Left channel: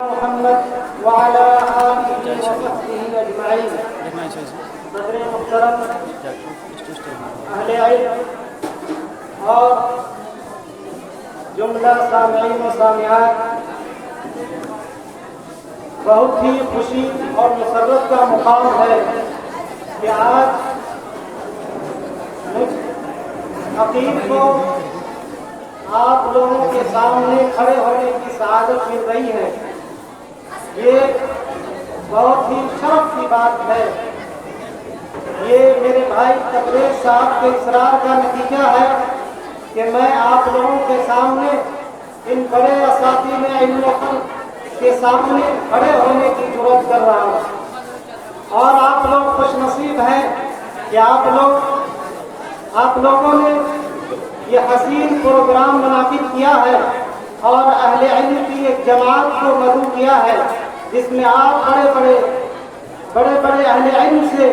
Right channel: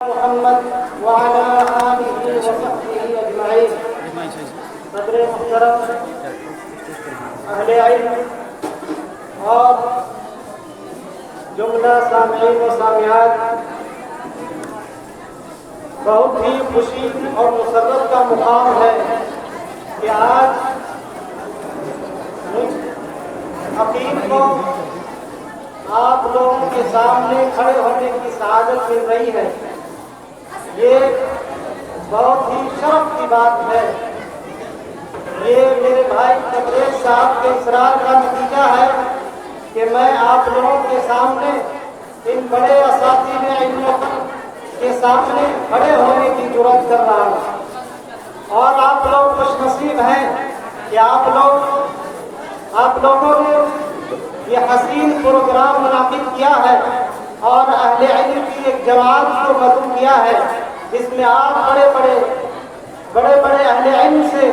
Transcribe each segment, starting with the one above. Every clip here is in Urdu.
محمد وعلى آله وصحبه أجمعين. صدر محترم اہل علم اور جملہ سامعین و سامعات، بہت ہی خوشی اور مسرت کا مقام ہے کہ آج خطیب کو آپ لوگوں کے سامنے کھڑے ہونے کی سعادت مل رہی ہے. یہ بہت ہی شرف کی بات ہے. یہ میرے بھائی تبریز صاحب کے اصرار کا نتیجہ ہے کہ میں آپ لوگوں کے سامنے ان بڑے اساتذہ علم کے سامنے کھڑے ہونے کی جرات کر رہا ہوں. اور آپ لوگ خوش نصیب ہیں کہ آپ لوگوں نے یہ حسین پروگرام منعقد کیا ہے اور اہل علم کی ایک جماعت کو مدعو کیا ہے جس میں آپ بڑے اہل علم سے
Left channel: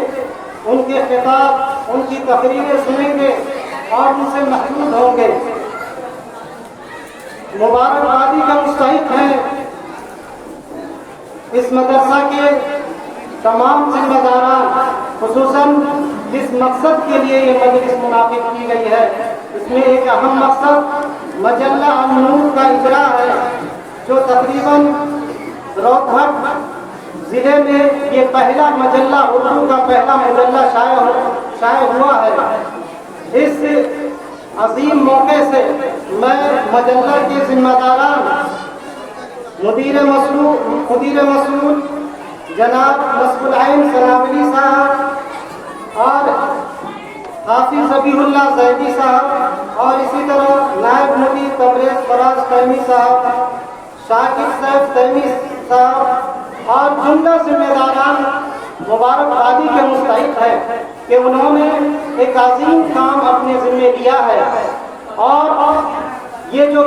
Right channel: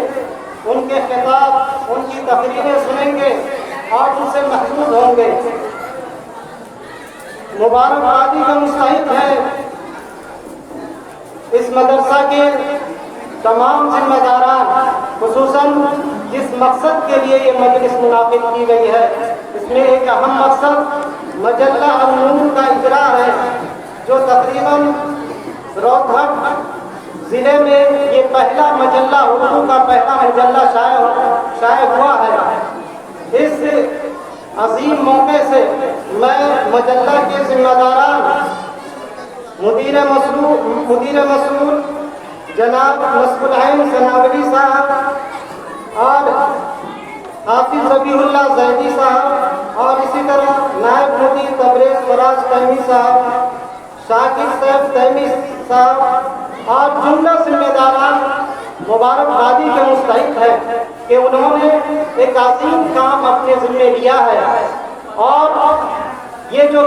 ان کے خطاب، ان کی تقریریں سنیں گے اور ان سے محفوظ ہوں گے. مبارکبادی کا مستحق ہے اس مدرسہ کے تمام ذمہ داران، خصوصاً جس مقصد کے لیے یہ مجلس منعقد کی گئی ہے. اس میں ایک اہم مقصد مجلہ النور کا اجرا ہے جو تقریباً روہتک ضلع میں یہ پہلا مجلہ، اردو کا پہلا مجلہ شائع ہوا ہے. اس عظیم موقع سے میں مجلہ کے ذمہ داران مدیر مسئول جناب نصب العین سنابلی صاحب اور حافظ ربیع اللہ زیدی صاحب اور اسی طرح نائب مدیر تبریز فراز تیمی صاحب، شاکر صاحب تیمی صاحب اور جملہ ذمہ داران مبارکبادی کے مستحق ہے کہ انہوں نے ایک عظیم کام اپنے ذمہ لیا ہے. اور یہ جو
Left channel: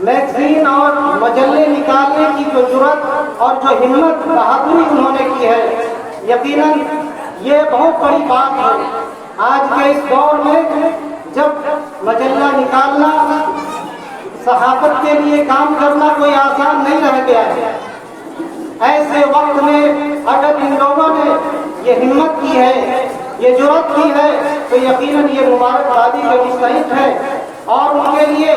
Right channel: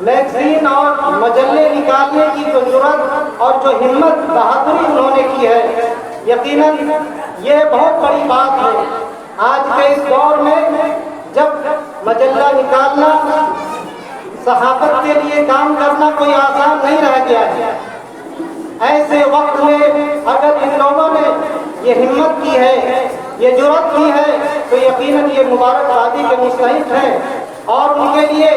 میگزین اور مجلے نکالنے کی جو جرات اور جو ہمت بہادری انہوں نے کی ہے، یقیناً یہ بہت بڑی بات ہے. آج کے اس دور میں جب مجلہ نکالنا، صحافت کے لیے کام کرنا کوئی آسان نہیں رہ گیا ہے، ایسے وقت میں اگر ان لوگوں نے یہ ہمت کی ہے، یہ جرات کی ہے، تو یقیناً یہ مبارکبادی کے مستحق ہے. اور ان کے لیے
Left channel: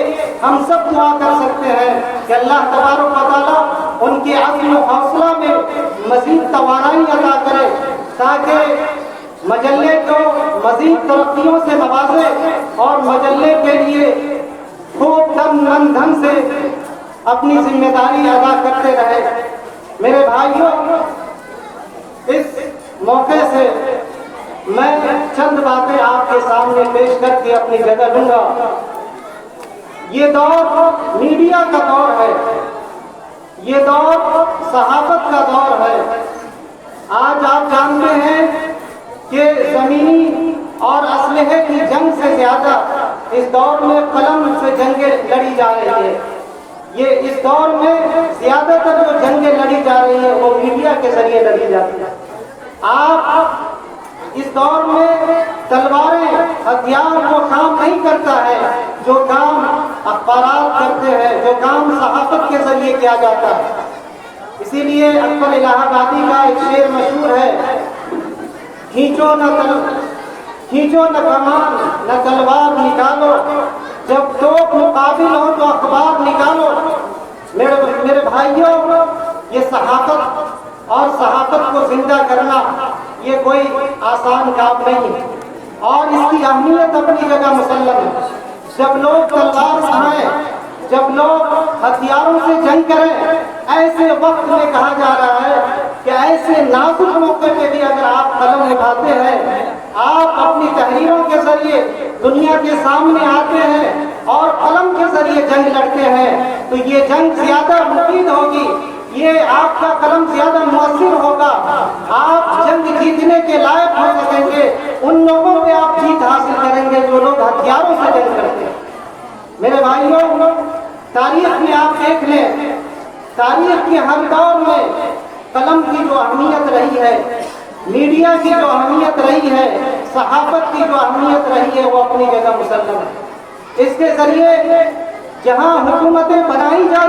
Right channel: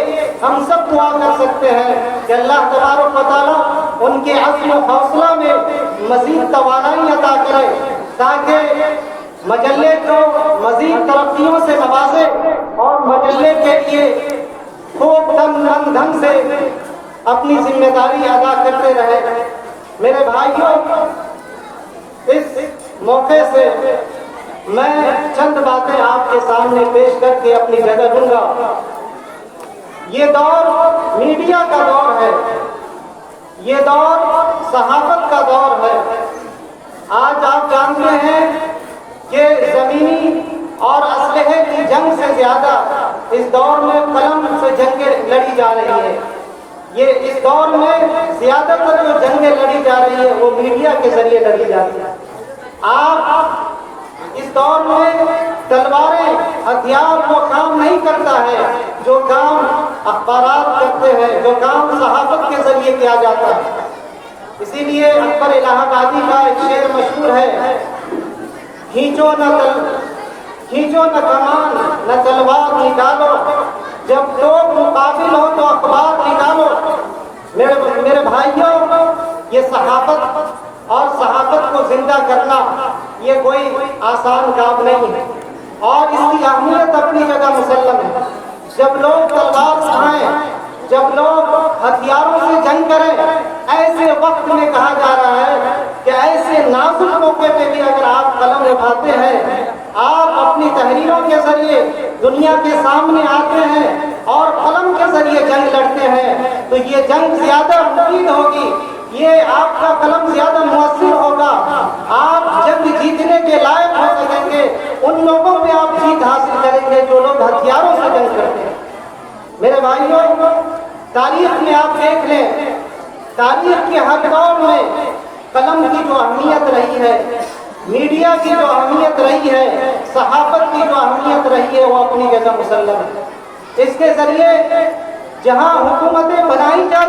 ہم سب دعا کر سکتے ہیں کہ اللہ تبارک و تعالیٰ ان کے عزم و حوصلہ میں مزید توانائی عطا کرے تاکہ مجلے کو مزید ترقیوں سے نوازے اور مجلے کے لیے خوب ڈھنگ سے اپنی ذمہ داری ادا کرتے رہے. میرے بھائیوں، اس موقع سے میں چند باتیں آپ کے سامنے پیش کر کے اپنی جگہ دوں گا. یہ دور میڈیا کا دور ہے، یہ دور صحافت کا دور ہے. آج آپ جانتے ہیں کہ زمینی اور اسلحے کی جنگ سے زیادہ اس دور میں قلم سے جنگیں لڑی جا رہی ہیں. یہ اس دور میں زیادہ تر جو جنگیں لڑی جا رہی ہیں وہ میڈیا کے ذریعے لڑی جاتی ہیں. آپ اس دور میں تلواریں، ہتھیار وہ کام نہیں کرتا ہے جو کام اخبارات کرتے ہیں، جو کام صحافت کے ذریعے کیا جاتا ہے. اسی لیے اکبر الہ آبادی کا ایک شعر مشہور ہے، کھینچو نہ کمان نہ تلوار نکالو، جب لوگ مقابل ہو تو اخبار نکالو. میرے بھائیوں، یہ صحافت اور صحافت کو زندہ کرنا یہ کوئی آسان کام نہیں ہے اور اس کی اہمیت اپنی جگہ مسلم ہے. جب لوگ تلوار اٹھائیں، جب لوگ ہتھیاروں سے جنگ کریں، ایسے وقت میں کہا جا رہا ہے کہ ایسے نازک موقع پہ بھی اگر آپ قلم اٹھاتے ہیں، آپ اپنی تحریروں کے ذریعے دنیا کے سامنے آتے ہیں اور قلم کے ذریعے جنگ لڑتے ہیں، تو یہ جنگ زیادہ مفید ہوگی، یہ آپ کا قلم زیادہ مؤثر ہوگا. آپ جنگ جیتنے کے لائق ہو سکیں گے، ان لوگوں پہ آپ جیت حاصل کریں گے جو لوگ ہتھیاروں سے جنگ کرتے ہیں. میرے بھائیوں، تاریخ میں آپ دیکھ لیں، تاریخ کے ہر دور میں قلم کی جو اہمیت رہی ہے، میڈیا کی جو اہمیت رہی ہے، صحافت کی جو اہمیت رہی ہے، وہ اپنی جگہ مسلم ہے. اس کے ذریعے جہاں حکومتیں بنائی جا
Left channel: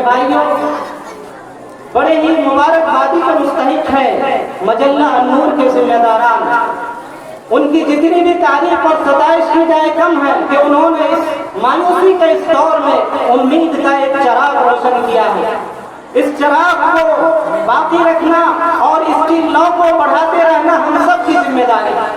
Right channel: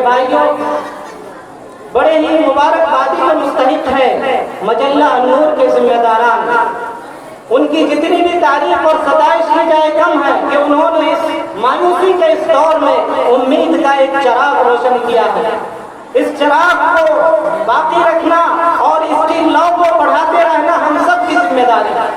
میرے بھائیوں، بڑے ہی مبارکبادی کا مستحق ہے مجلہ النور کے ذمہ داران. ان کی جتنی بھی تعریف اور ستائش کی جائے کم ہے کہ انہوں نے اس مایوسی کے اس دور میں امید کا ایک چراغ روشن کیا ہے. اس چراغ کو باقی رکھنا اور اس کی لو کو بڑھاتے رہنا ہم سب کی ذمہ داری ہے.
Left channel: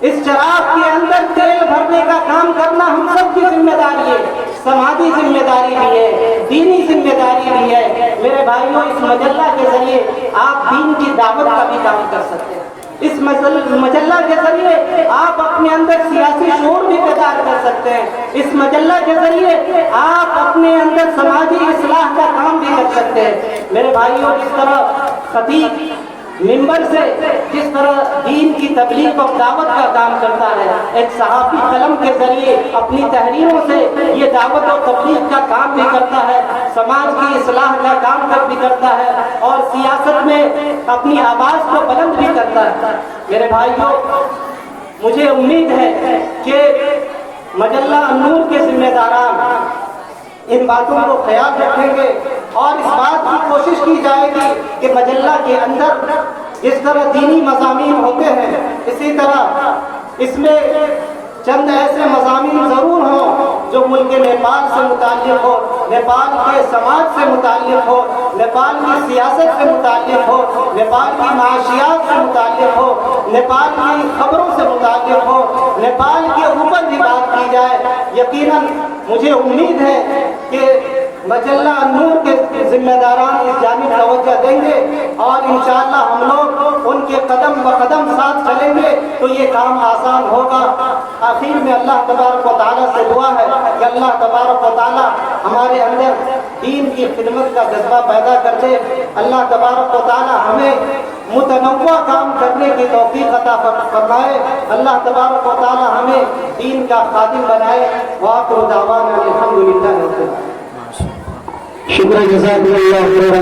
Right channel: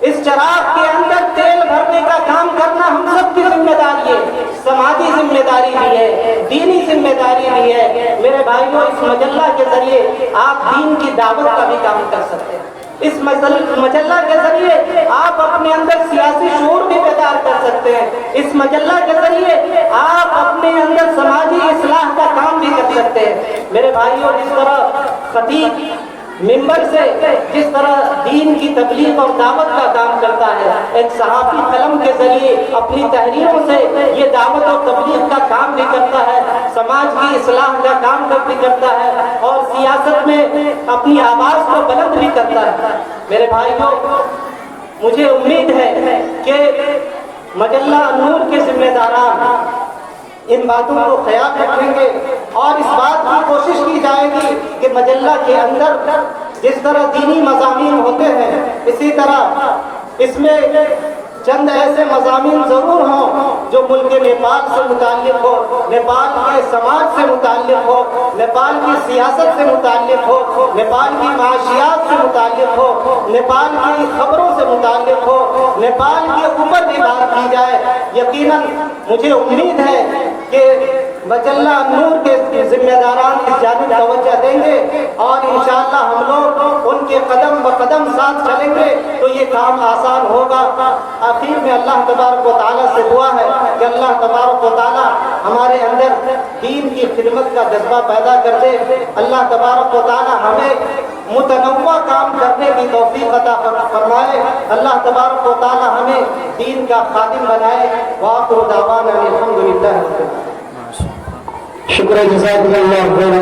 اس چراغ کے اندر تیل بھرنے کا کام کرنا ہم سب کی ذمہ داری ہے. سماجی ذمہ داری بھی ہے، دینی ذمہ داری بھی ہے. میرے بھائیوں، اس مجلہ کے ذریعے آپ دین کی دعوت کا بھی کام کر سکتے ہیں. اس مجلہ کے ذریعے آپ اپنے اندر سیاسی شعور بھی پیدا کر سکتے ہیں. اس مجلہ کے ذریعے آپ اپنے اندر سماجی اصلاح کا کام بھی کر سکتے ہیں. میرے بھائیوں، جس طرح خطیب ممبر سے جس طرح دین کی تبلیغ اور دعوت کا کام کرتا ہے، ایک صحافی قلم کے ذریعے اپنی تحریروں سے یہ دعوت اور تبلیغ کا کام بھی کرتا ہے، سماج کی اصلاح کا کام بھی کرتا ہے اور سیاست میں اپنی آواز کو بلند بھی کرتا ہے. میرے بھائیوں، مجھے امید ہے کہ مجلہ النور کے ذمہ داران ان باتوں کو خیال رکھیں گے اور اس بات کی کوشش کی جائے گی کہ مجلہ کے اندر جس طرح دینی مضامین ہوتے ہیں، اسی طرح اس میں چند ایسے مضامین ضرور ہوں جو ملک نیپال سے متعلق ہو، نیپال کے سماج سے متعلق ہو، نیپال کی سیاست سے متعلق ہو، نیپال کی معاشیات سے متعلق ہو، نیپال کی خبروں سے متعلق ہو، نیپال کے اوپر بھی بات کی جائے. یقیناً مجھے امید ہے کہ مجلہ النور کے ذمہ داران اس جانب توجہ دیں گے اور انشاءاللہ ہم لوگ ان کے قدم بقدم ساتھ چلیں گے تو یہ کام آسان ہوگا. آخر میں اللہ تبارک و تعالیٰ سے دعا ہے کہ اللہ تبارک و تعالیٰ ہمارے اندر دین کی خدمت کا جذبہ پیدا کر دے. اللہ تبارک و تعالیٰ ہمیں متنوع کام کرنے کی توفیق عطا فرمائے. اللہ تبارک و تعالیٰ ہمیں دین کا خادم بنائے. وآخر دعوانا الحمدللہ. شکر جزاک اللہ.